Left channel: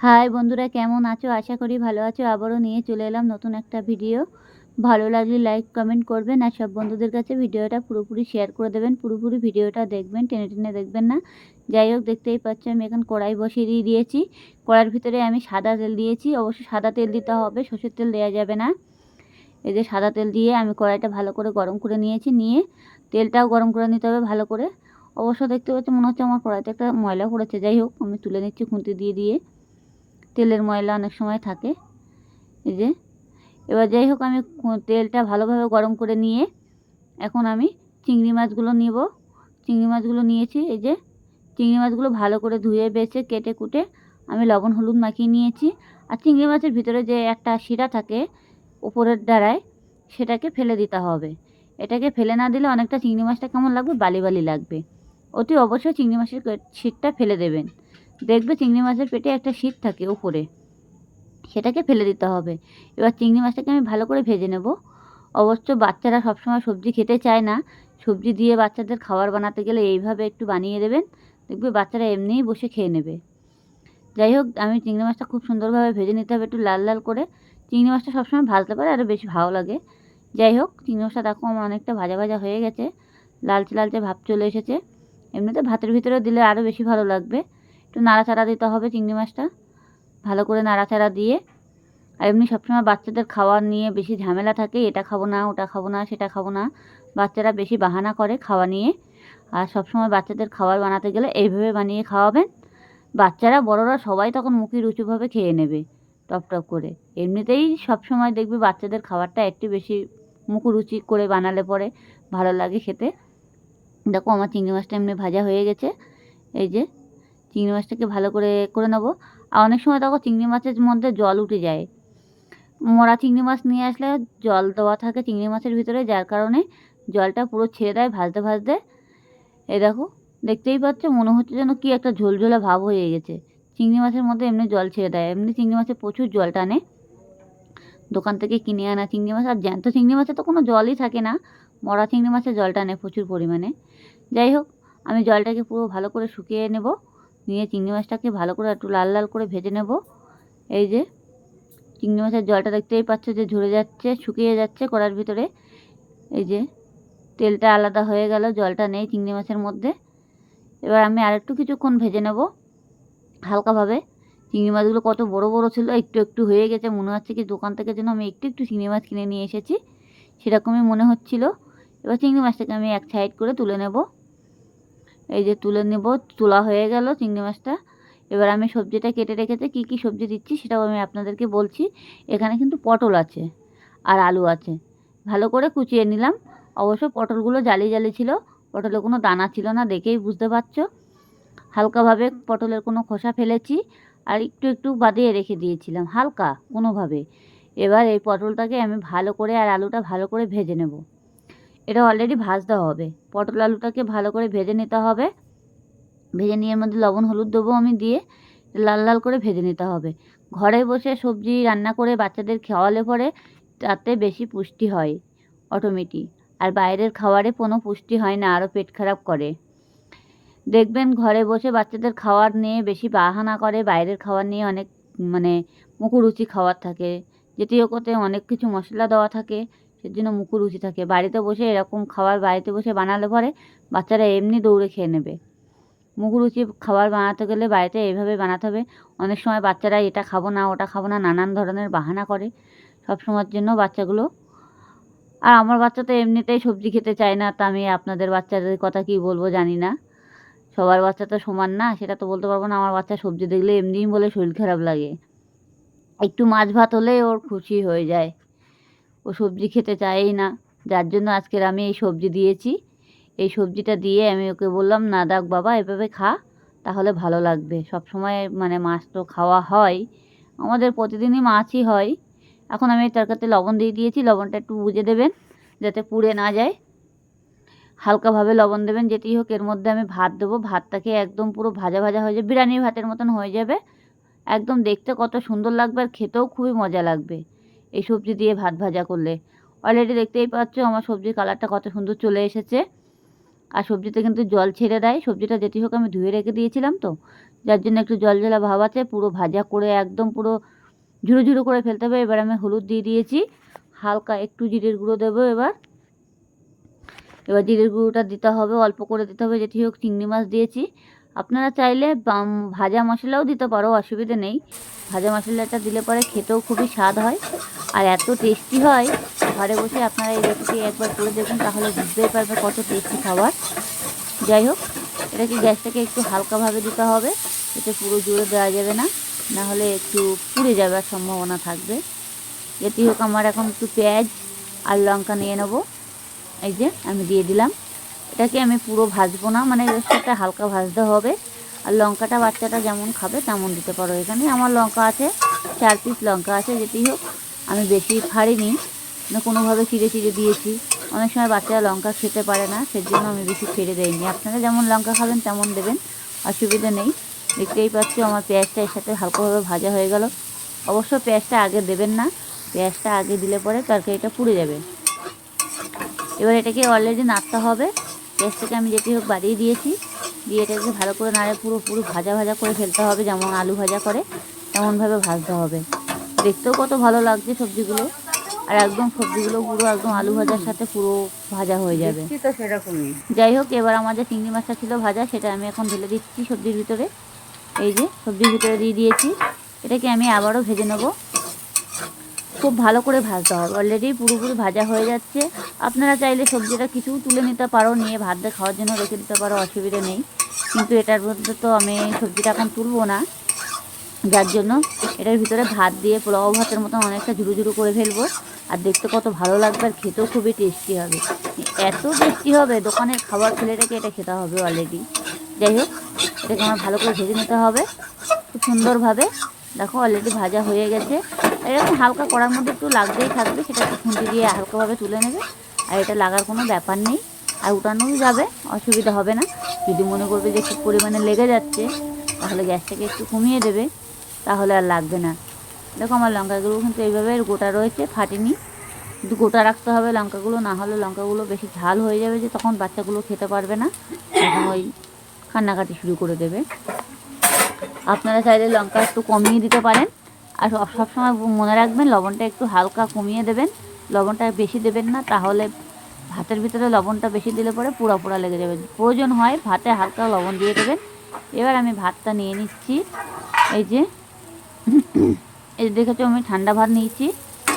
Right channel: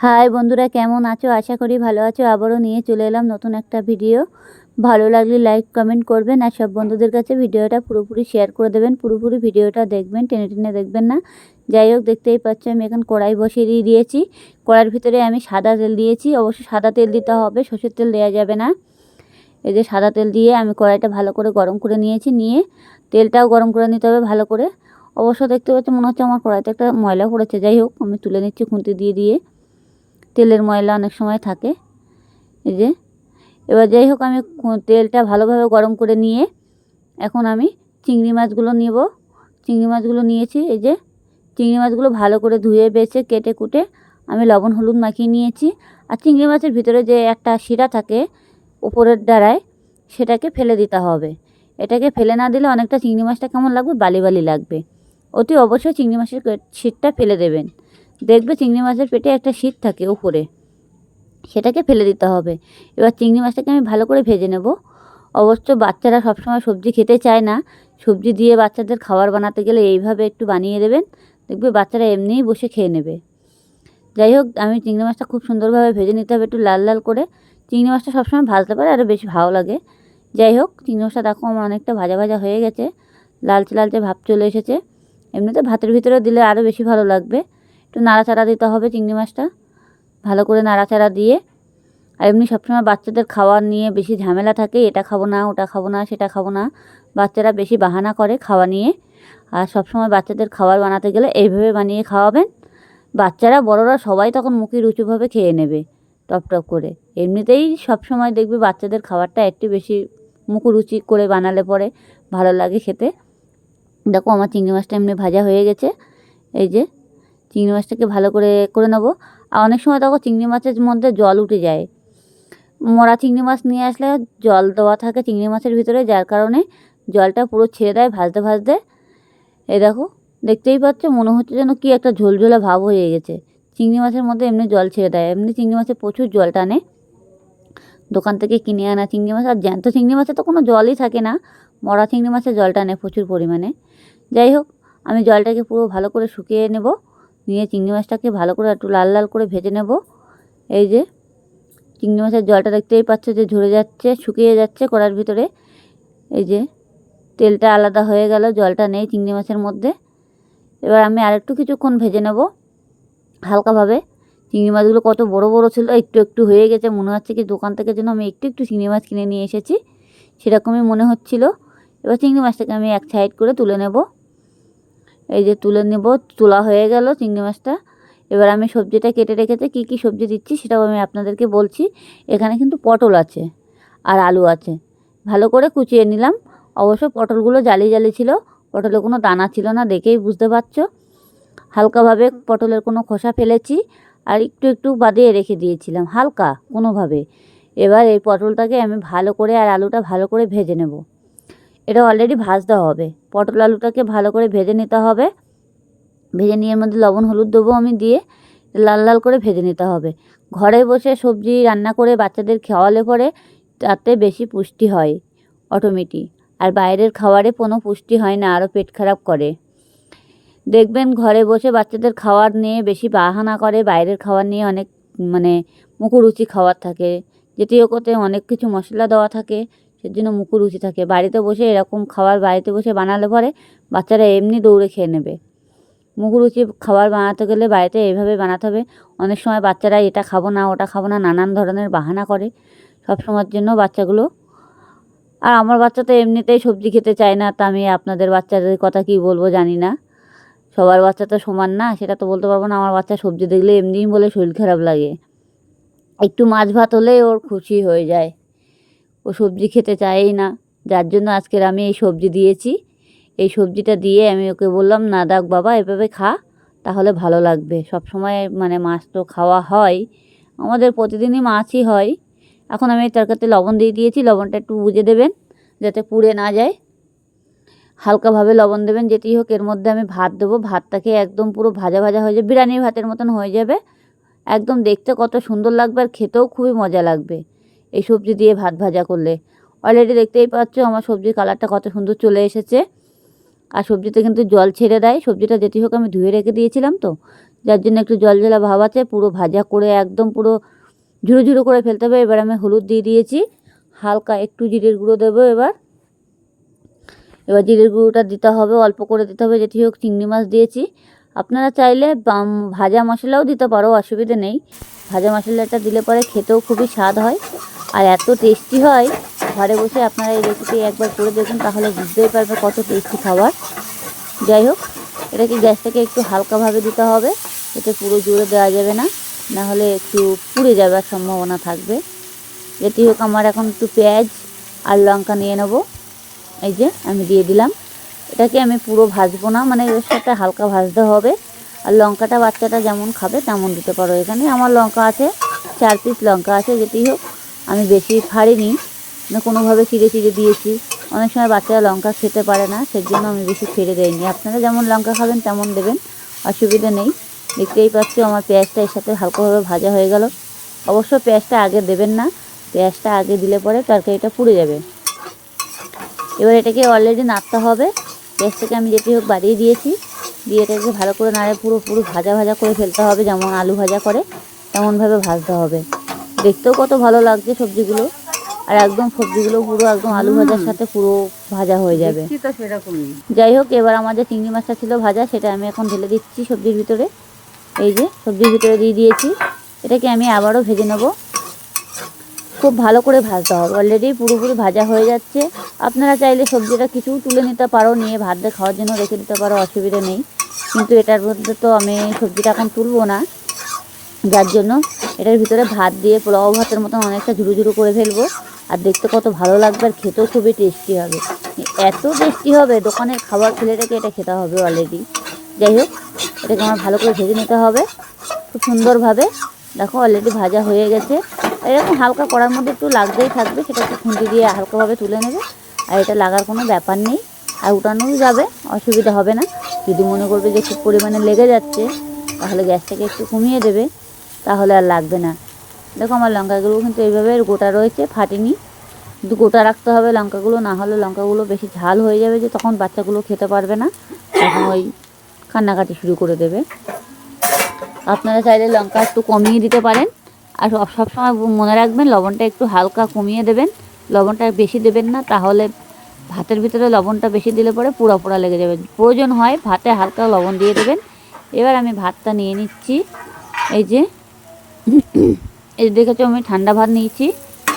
High বন্ধুরা, কেমন আছো? আশা করি ভালো আছো। আবারও নিয়ে চলে এলাম নতুন একটা ভিডিও। ভালো লাগলে লাইক, কমেন্ট করবেন আর সব বন্ধুদের কাছে ভিডিওটা পুরোপুরি শেয়ার করে দেবেন। পুরোপুরি ভিডিওটা দেখবেন, টেনে টেনে দেখবেন না। যাই হোক, দেখতেই পাচ্ছ আমি এখন কড়াই বসিয়ে দিয়ে দিয়েছি। কড়াইয়ের ভিতরে আমি সাদা তেল দিয়েছি। অবশ্যই সাদা তেল দিতে হবে, সর্ষের তেল দেওয়া যাবে না। এই যে সাদা তেল দিয়ে আমি কড়াইটা ভালো করে গরম করে নিয়েছি। নিয়ে তেলটাও গরম করে নিতে হবে ভালো করে। অবশ্য দেখতে পাচ্ছি, মনে হচ্ছে আমার কড়াইতে একটা ময়লা পড়েছে। যাই হোক, আমি তুলে নিচ্ছি খুন্তি দিয়ে দিয়ে। তেলের ময়লা অনেক সময় থাকে। এই যে, এবার যাই হোক, আমি তেলটা ভালোভাবে গরম করে নিয়ে এখন আমি চিংড়ি মাছগুলো নিব। চিংড়ি মাছগুলো নিয়েছি, এই যে, চিংড়ি মাছগুলো ভালো করে ধুয়ে, বেছে, কেটে, কুটে আমি লবণ, হলুদ মাখিয়ে নিয়েছি। আর চিংড়ি মাছের ভিতরে যে একটা শিরা থাকে উপরের দ্বারায়, সেটাকে ফেলে দিতে হবে। এটাকে ফেলে না দিলে অনেকটা চিংড়ি মাছটা কেমন লাগবে? বালি বালি লাগবে। অতি অবশ্যই চিংড়ি মাছের শিরটা ফেলে দেবেন। দেখবে চিংড়ি মাছের পেটে একটা শীত থাকে উপরে। সেটাকে ফেলে দিতে হবে। এবার চিংড়ি মাছটাকে আমি ভালো করে ভেজে নেব। অবশ্য বাচ্চারা সবসময় সবজি খেতে চায় না। সবজি দিয়ে বাচ্চাদের খাবার বানাতে গেলে এইভাবে একটু বানিয়ে দেবেন। দেখবে বাচ্চারা এমনিই বসে খেয়ে নেবে। যাই হোক, আমি চিংড়ি মাছটা খুব সুন্দরভাবে ভেজে নিতে হবে একটু লাল লাল করে। চিংড়ি মাছটা সবসময় ভাজতে পারে, আরও বেশি ভালো লাগে। যাই হোক, চিংড়ি মাছটা দেখো আমার অনেকটা ভাজা ভাজা হয়ে গেছে। লালচে লালচে ভাব চলে এসেছে। এমনিতে ভাতের ভিতরে দিলে আরও বেশি ভালো লাগবে। একটু নাড়াচাড়া দিতে হবে চিংড়ি মাছটা। ভালো করে নাড়াচাড়া দিয়ে। আর এমনি সবসময় বাচ্চাদের খাওয়ার নিয়ে বেশি ঝামেলা থাকে, এটা খাব না, ওটা খাব না, সেটা খাব না। বাচ্চারা বেশি বাহানা করে খাওয়া নিয়ে। আর সবসময় বাচ্চাদের খাবার বানাতে গেলে এইভাবে বানিয়ে খাওয়াবেন। বাচ্চারা, বড়রা সবাই তখন মুখে রুচুভাবে খেয়ে নেবে, টপ টপ করে। এমনিতেই সবসময় দেখবে বাচ্চাদের খাবারটা একটু বেশি মুখরুচি করে বানালে পরে ভালো লাগে খেতে। দেখো আমার চিংড়ি মাছটা এমনি ভাজা হয়ে গেছে। এই যে চিংড়ি মাছটাকে ভালো করে করে নেব। আর অনেক সময় দেখো চিংড়ি মাছের মধ্যে জল উঠে যায়। মরা চিংড়ি মাছ নিয়ে আসলে জল দেওয়া থাকে চিংড়ি মাছের ভিতরে, যার কারণে জলটা পুরো ছেড়ে দেয় ভাজতে ভাজতে। এ দেখো, দেখতেই পাচ্ছ, মনে হচ্ছে যেন কি একটা ঝোলঝোলা ভাব হয়ে গেছে। চিংড়ি মাছের মধ্যে এমনি জল ছেড়ে দেয়, এমনি চিংড়ি মাছে প্রচুর জল টানে। দোকান থেকে কিনে আনা চিংড়ি মাছ, আর জ্যান্ত চিংড়ি মাছে তো কোনো জলই থাকে না। মরা চিংড়ি মাছে জল টানে প্রচুর পরিমাণে। যাই হোক, আমি জলটাকে পুরো ভালো করে শুকিয়ে নেব। নিয়ে চিংড়ি মাছটাকে ভালো করে একটু লাল লাল করে ভেজে নেব। এই যে, চিংড়ি মাছের জলটা দেখতেই পাচ্ছ যে ঝরে যাচ্ছে, শুকিয়ে যাচ্ছে কড়ার ভিতরে। এই যে, তেলটা আলাদা হয়ে গেল, জলটা নেই চিংড়ি মাছের মধ্যে। এবার আমি আরেকটু কিছুক্ষণ ভেজে নেব হালকাভাবে। চিংড়ি মাছগুলো কত বড় বড় ছিল, একটু একটু হয়ে গেছে, মনে হচ্ছে কি দোকান থেকে যেন আমি একটু একটু চিংড়ি মাছ কিনে নিয়ে এসেছি। সেরকমই মনে হচ্ছিল। এবার চিংড়ি মাছটাকে আমি এক সাইড করে তুলে নেব। এই যে তুলে নেব, তোলা হয়ে গেল চিংড়ি মাছটা। এবার আমি সবজিটা কেটে রেখেতে কী কী সবজি দিচ্ছি সেটাও আমি আপনাদেরকে বলছি। এখানে কিন্তু পটল আছে আর আলু আছে। ভালো করে কুচিয়ে নিলাম। অবশ্য পটলগুলো জালি জালি ছিল, পটলে কোনো দানা ছিল না দেখেই বুঝতে পারছ। হালকাভাবে পটলের কোনো খোসা ফেলেছি আর একটু একটু বাদিয়ে রেখে দিয়েছিলাম, হালকা কোনোভাবে। এবার এই পটলটাকে আমি ভালো করে আর আলুটা ভালো করে ভেজে নেব। এটা অলরেডি ভাজতে হবে। পটল আলুটাকে ভালো করে ভেজে নিতে হবে। ভেজে নিয়ে এর মধ্যে লবণ, হলুদ দেবো আমি দিয়ে। লাল লাল করে ভেজে নিতে হবে। ঘরে বসে সবজি রান্না করে বাচ্চাদের খাওয়ালে পরে তাতে বেশি পুষ্টি হয় অটোমেটিক আর বাইরের খাবারে কোনো পুষ্টি হয় না আরও পেট খারাপ করে। দেখবেন ঘরে বসে বাচ্চাদের খাওয়ার নিয়ে বেশি বাহানা করে, বাইরের খাবার নিয়ে অনেক মানে মুখরুচি খাবার থাকে। যেটি ওতে অনেক কিছু মশলা দেওয়া থাকে। সেজন্য মুখরুচি থাকে। বাড়িতে বসে এরকম খাবার বাড়িতে বসে বানালে পরে বাচ্চারা এমনি দৌড়ে খেয়ে নেবে। মুখরুচি খাবার বানাতে গেলে বাড়িতে এইভাবে বানাতে হবে। অনেক সময় বাচ্চারা এটা খাব না, ওটা খাব না, নানান ধরনের বাহানা করে সব সময়ের জন্য বাচ্চাগুলো। আর আমার বাচ্চা তো এমনিতেই সবজি খেতে চায় না, তা আমি আপনাদের বাচ্চাদের কথা কি বলব জানি না। সবার বাচ্চা তো সমান না, সেটা তো বলতে পারব না। আমার বাচ্চা সবজি দেখলে এমনিই বলে শরীর খারাপ লাগে। একটু মাছ ভাত হলে ওর খুশি হয়ে যায়। ও সবজি খেতে চায়ই না। যার জন্য আজকের আমি এই সবজি দিয়েছি। এই সবজিটা দিয়ে আমি ওকে বললাম, না দাগ বাবা, এভাবে খা, তাহলে ভালো লাগবে। সব সময় মানে মাছ তো খাওয়া হয়। আমাদের প্রতিদিনই মাছই হয়। এখন আমি তরকারিতে লবণ দিয়ে দিয়েছি। লবণটা একটু বুঝে দেবেন, যাতে পুড়ে না যায়। হালকাভাবে লবণ দেবেন, যেটি হোক। এর মধ্যে আমি ভাত দেবো। ভাতটাকে একদম পুরো ভাজা ভাজা হয়ে যাবে। বিরিয়ানির ভাতের মতন হয়ে যাবে। একদম দেখতে কত সুন্দর লাগবে আর খেতেও খুবই মজা লাগবে। এই সবজি দিয়ে ভাত ভাজা করলে। অলরেডি দেখতেই পাচ্ছ আমার সবজির কালারটা কত সুন্দর চলে এসেছে। আর সবজিতে কিন্তু জল ছেড়ে দেয়। সবজিটা যেটি হোক আমি ধুয়ে রেখে দিয়েছিলাম তো। যার জন্য একটু জল জলা ভাব আছে, পুরো ভাজা করে একদম পুরো ঝুড়ো ঝুড়ো করে ফেলতে হবে। এবার আমি হলুদ দিয়ে দিয়েছি। হালকা একটু জিরের গুঁড়ো দেবো এবার। এবার জিরের গুঁড়োটা দিতে হবে, অল্প করে দিতে হবে। যেটি হোক চিংড়ি মাছ দিয়েছি। আপনারা চাইলে ভাজা মশলাও দিতে পারো, অসুবিধে নেই। ভাজা মশলাটা দিলে পরে খেতেও খুবই স্বাদ হয়। আর এত টেস্টি হয়, ঘরে বসে আপনারা এই রেসিপি একবার করে দেখুন, তাহলে বুঝতেই পারবে কত টেস্টি খাবার। যাই হোক এটাকে গ্যাসটাকে একটু হালকাভাবে দিতে হবে, এতে পুরো জুড়ে দেওয়া যাবে না, নাহলে একটু পুড়ে যাওয়ার সম্ভাবনা থাকবে। যেটি হোক, আমার এখন একটু পেঁয়াজ আর লঙ্কা নিয়ে নেব। এই যে, আমি দিয়ে দিলাম। এটাকে আমি পুরো ভাজবো না মানে এর সাথে হালকা ভাজতে হবে। আর লঙ্কাটা বাচ্চাটা যেমন খাবে, তেমন দিতে পারো এখানে। আমার লঙ্কা আছে, চার পিস লঙ্কা আছে, যেটি হোক। আমি বেশি ফাড়িনি মানে কোনোভাবে চিড়ে চিড়ে দিয়েছি। অনেক সময় বাচ্চারা লঙ্কা খেতে পারে না সেই জন্য আমি বেশি ছেড়ে দেয়নি আপনারা যেমন লঙ্কা খাবেন, তেমন দেবেন, অসুবিধা নেই। দেখতেই পাচ্ছি আমার পেঁয়াজটা এর সাথে হালকাভাবে ভাজা হয়ে গেল। অবশ্য পেঁয়াজটা আগে দেবেন না, পেঁয়াজটা আগে দিলে পরে তরকারিটা পুড়ে যাবে। এবার এটাকে অলরেডি নাড়তে হবে। পেঁয়াজটাকে আমি যেটি হোক বাড়িয়ে দিয়েছি। দিয়ে এটাকে ভালো করে নাড়ে পুরো পুরো ভাজা ভাজা করে ফেলতে হবে, যেমন আলু ভাজা করে, তেমনভাবে ভাজতে হবে। দেখতেও কত ভালো লাগছে সবজিগুলো। আর একদম সবজিগুলো পুরো একদম আলু ভাজার সাথে পুরো ভাজা হয়ে যাবে। যাই হোক এবার আমাদের চিংড়ি মাছটা ছিল ভাজা সেটা আমি এখন ঢেলে দিচ্ছি সবজির ভিতরে। এই যে সবজির ভিতরে দিয়ে দিয়েছি। এটাকে আমি আবারও ভেজে নেব। খুব ভালো করে ভাজতে হবে। অলরেডি পুরোপুরি ভাজা হয়ে যাচ্ছে। আপনারা চাইলে সবজিটা কিছু তুলে নিতে পারো নিয়ে ভাতটা খাওয়ার জন্য রেখে দিতে পারো অসুবিধা নেই। কিন্তু এটার মধ্যে তো আমি সবজিটা এখন তুলবো না। যার জন্য এটার ভিতরে ভাত দিয়ে পোলাও ভাতের মতন অনেকটা ঝুড়ো ঝুড়ো করে ফেলব। আর দেখতে কত ভালো লাগবে আর খেতেও খুবই টেস্টি হবে। এত টেস্টি হবে দোকানে খাবার খেলে রেখে এটা খেতে হবে অলরেডি যাই হোক, এটাকে আমার ভালো করে ভেজে নিতে হবে, খুব সুন্দরভাবে। দেখো অলরেডি ভাজা হয়ে গেছে। এরকম হালকা করার মধ্যে একটু লাগতেই থাকবে, সেটা একটু খুন্তি দিয়ে হালকাভাবে তুলে নেবে। আর এটা লাগার কোনো ব্যাপার নেই, আর উঠানোই যাবে, অসুবিধা হবে না। যদি মনে করবে যে খুব পরিমাণে লেগে যাচ্ছে, তাহলে গ্যাসটাকে একটু কমিয়ে দেবে। তাহলে আর লাগবে না। দেখো আমার লঙ্কাগুলো কিন্তু এইভাবে গোটা রয়েছে, ফাটেনি। কিন্তু গোটা রাখতে হবে লঙ্কাগুলো, না হলে লঙ্কাগুলো বেশি ঝাল হয়ে যাবে যে তখন বাচ্চাগুলো খেতে পারবে না। তখন ওই কান্নাকাটি শুরু করে দেবে। আপনারা চাইলে লঙ্কা একটু কমিয়ে দিতে পারেন। আর সব- সবসময় মনে রাখবেন, লবণটা একটু হালকা কমিয়ে দেবেন। লবণটা বেশি দেবেন না, তাহলে ভাতের ভিতরে লবণটা বেশি দিলে পরে পোড়া পোড়া লেগে যাবে। প্রয়োজন হয় ভাতে হালকা লবণ দিয়ে দেবেন। এবার আমি ভাতটা নিয়ে নিচ্ছি। এই যে এই দেখেছ, আমি ঠান্ডা ভাত নিয়েছি।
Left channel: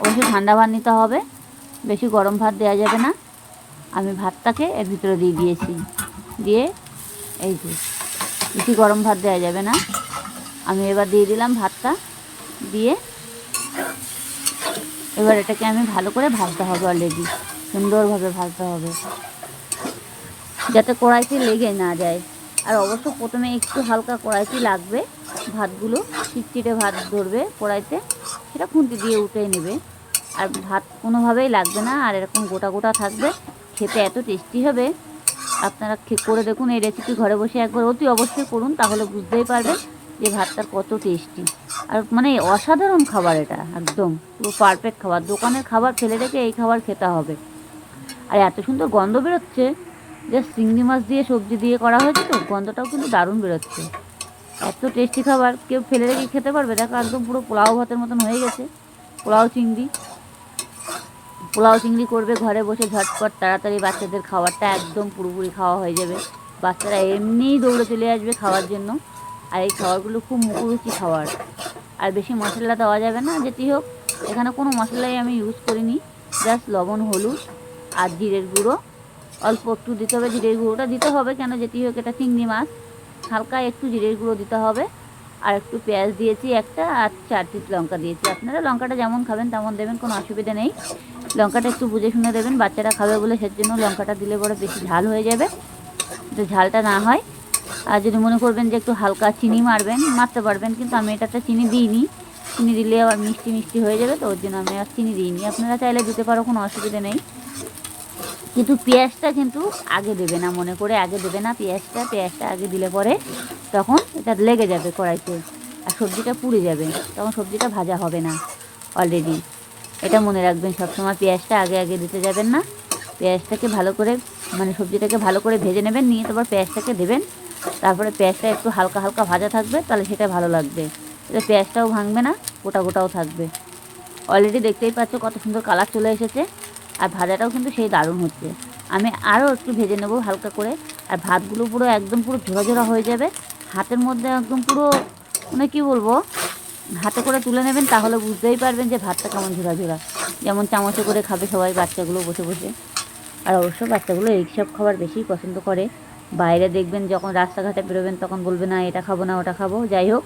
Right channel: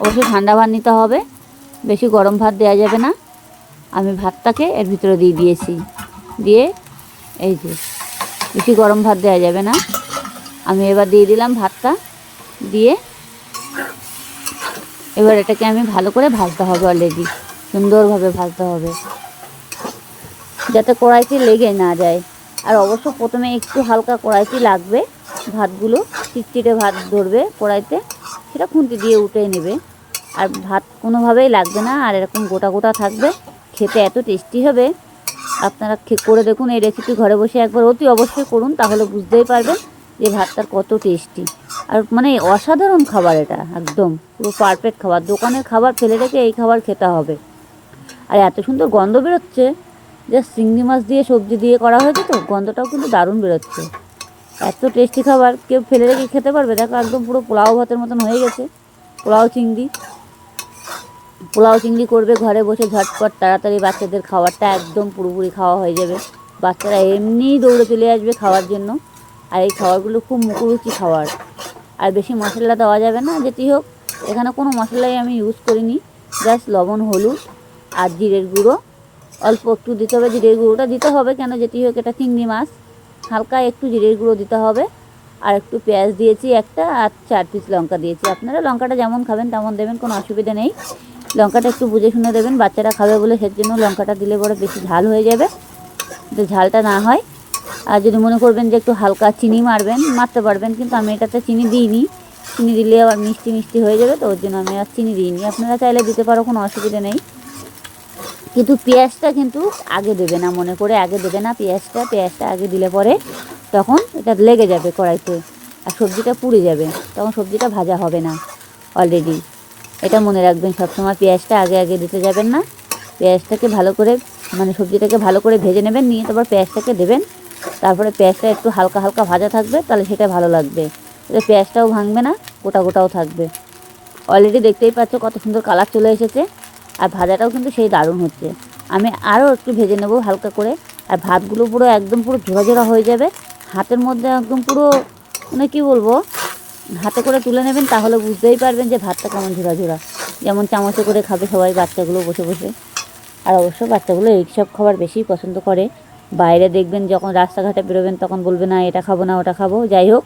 অবশ্যই ঠান্ডা ভাত নিতে হবে। বেশি গরম ভাত দেওয়া যাবে না। আমি ভাতটাকে এর ভিতরে দিয়ে দিয়েছি। দিয়ে এই যে, বেশি গরম ভাত দেওয়া যাবে না। আমি এবার দিয়ে দিলাম ভাতটা। দিয়ে এবার এটাকে আমি ভালো করে ভাজতে হবে অলরেডি সুন্দরভাবে ভাজতে হবে। যাতে কড়াইতে লেগে না যায়। আর অবশ্য প্রথমে একটু হালকা কড়াইতে লাগবে। ভাতগুলো চিটচিটে ভাত ধরবে কড়াইতে, সেটা খুন্তি দিয়ে উঠে নেবে। আর ভাত কোনোভাবেই লাগবে না, আর এরকম গোটা গোটা থাকবে, খেতে এত টেস্টি হবে। আপনারা করে দেখুন এই রেসিপি ঘরে বসে একবার অতি অবশ্যই করুন, তাহলে বুঝতেই পারবেন যে ভাতটার কত টেস্টি। আর মানে অসাধারণ খাবার এটা, একদম। পুরো পারফেক্ট খাবার। দোকানের খাবার ফেলে রেখে এই খাবার খেতে হবে। আর এত সুন্দর গন্ধ বেরোচ্ছে। যে চিংড়ি মাছ দিয়ে সবজি দিয়ে করা হয়েছে তো, গন্ধটাও কিন্তু দারুণ বেরোচ্ছে। এত টেস্টি খাবার কেউ ফেলে রেখে খেতে পারবে? দেখো একদম পুরো পোলাও ভাতের মতন হয়ে গেছে। পোলাও চিংড়ি। পোলাও চিংড়ি করবে ঘরে বসে ঝটপট, তাড়াতাড়ি বাচ্চাদের খাবারটা একদম পুরোপুরি খাওয়া হয়ে যাবে। বাচ্চারা এমনিই দৌড়ে চলে আসবে খাওয়ার জন্য। আর এই খাবারগুলো খুব মুখরুচি খাবার। আর বেশি মশলা দেওয়া যাবে না, যেটি হোক। এখানে কোনো মশলাই আমি ইউজ করিনি। জাস্ট লবণ, হলুদ আর জিরের গুঁড়ো। অল্প একটু দিতে হবে, জিরের গুঁড়োটা দিতে হবে কেন? যেটি হোক, এটা চিংড়ি মাছ। হালকা একটু জিরের গুঁড়ো দিতে হবে। আর একটু পেঁয়াজ দিয়েছি একটা, আর চার পিস লঙ্কা দিয়েছি। আপনারা লঙ্কাটা যেমন খাবেন তেমন দেবেন, কোনো অসুবিধা নেই। লঙ্কাটা একটু বুঝে শুনে দেবেন, বাচ্চারা খাবে বলে সের জন্য লঙ্কাটা দিলে পরে বেশি ঝাল হয়ে যাবে যদি ঝালটা না হয়। আর যদি মনে করবেন যে একটু হালকা চিনি মারবেন, মারতে পারবেন, কিন্তু আমি এটাতে চিনি দিইনি। চিনি দিলে আবার মিষ্টি মিষ্টি হয়ে যাবে, তো ওর জন্য আমি আর চিনি দিইনি। আপনারা চাইলে দিতে পারো, কোনো অসুবিধা নেই। কিন্তু পেঁয়াজটা কিন্তু আগে দেবে না, মনে করে আগে দেবে না পেঁয়াজটা পেঁয়াজটা আগে দিলে পরে তখন এটা লেগে যাবে কড়াইতে আর সবজিটা পুড়ে যাবে, তখন সবজিটা ভাজা হবে না অলরেডি এটা মনে রাখবেন, সবসময় পেঁয়াজটা আগে আগে দিতে যাবেন না, পেঁয়াজটাকে ভালো করে মানে সবজিটাকে ভালো করে ভেজে নেবেন, নিয়ে তারপর পেঁয়াজটাকে দেবেন, তারপরে পেঁয়াজটা একটু হালকা হালকা ভাজা থাকবে, তাহলে সেটা ভালো লাগবে। এতে পেঁয়াজটাও ভাঙবে না, গোটা গোটাও থাকবে। অলরেডি দেখতেই পাচ্ছ কত সুন্দর কালার চলে এসেছে। আর ভাজাটাও কিন্তু সেই দারুণ হচ্ছে। আমি আরও একটু ভেজে নেব হালকা করে। আর ভাতগুলো পুরো একদম পুরো ঝোড়া হয়ে যাবে। হাতের মধ্যে একদম পুরো মানে কী বলব হাতে করে তুলে নেবেন তাহলে বুঝতেই পারবেন যে ভাতটা কেমন ঝোড়া ঝোড়া যেমন চামচে করে খাবে সবাই বাচ্চাগুলো বসে বসে। আর অবশ্য বাচ্চাগুলো এইসব খাবার বেশি পছন্দ করে। বাইরে দেখবেন যখন রাস্তাঘাটে বেরোবেন তখন বলবে, না, এটা খাব না, ওটা খাব। যাই হোক,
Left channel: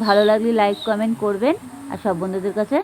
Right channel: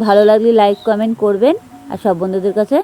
ভালো লাগলে লাইক কমেন্ট করবেন। আর সব বন্ধুদের কাছে